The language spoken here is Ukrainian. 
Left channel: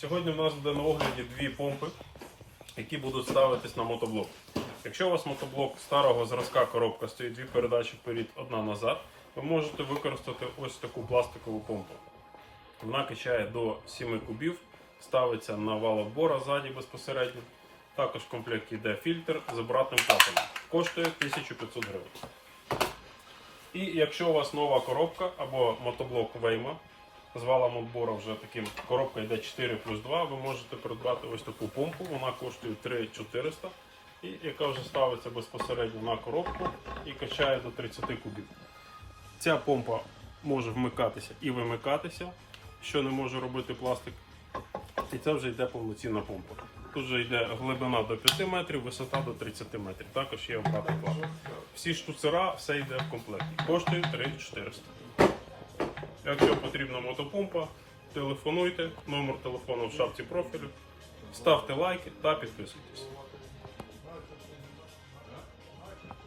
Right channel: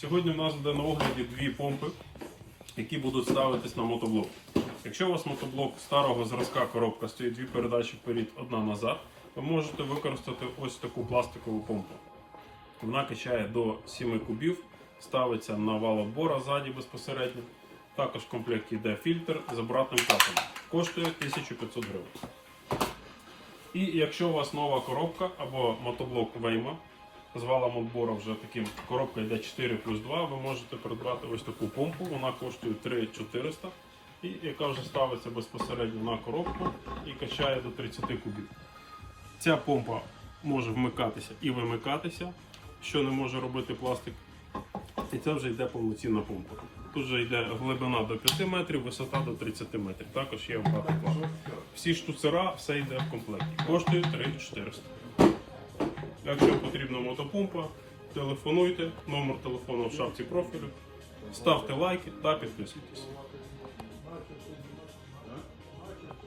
Сьогодні в нас буде на огляді дві помпи, які будуть ставитись на мотоблок. Якщо у вас мотоблок старого зразка коробка стоїть дві передачі вперед, одна назад, ви можете використати ось таку пластикову помпу. Вона качає до 7 кубів, ставиться на вал отбора ззаді безпосередньо. Також в комплекті йде фільтр з обратним капелем. Коштує 1500 гривень. І якщо у вас нова коробка або мотоблок Вейма з валом отбору вже таким, коробка йде 4 плюс 2, ви можете придбати ось таку помпу, вона коштує 3400 і яка вже ставиться безпосередньо на коробку і качає до 30 кубів. Ця помпа може вмикатися і вимикатися, що не може робити пластик. І це вже йде повноцінна помпа. Тут вже йде глибина до 5 метрів, висота до 30 метрів. Також є вкатка. Всі штуцера, все йде в комплекті. Коштує 3400. Якщо потрібна мотопомпа, телефонуйте, номер телефону в шапці профілю, ставте лайки та підписуйтесь.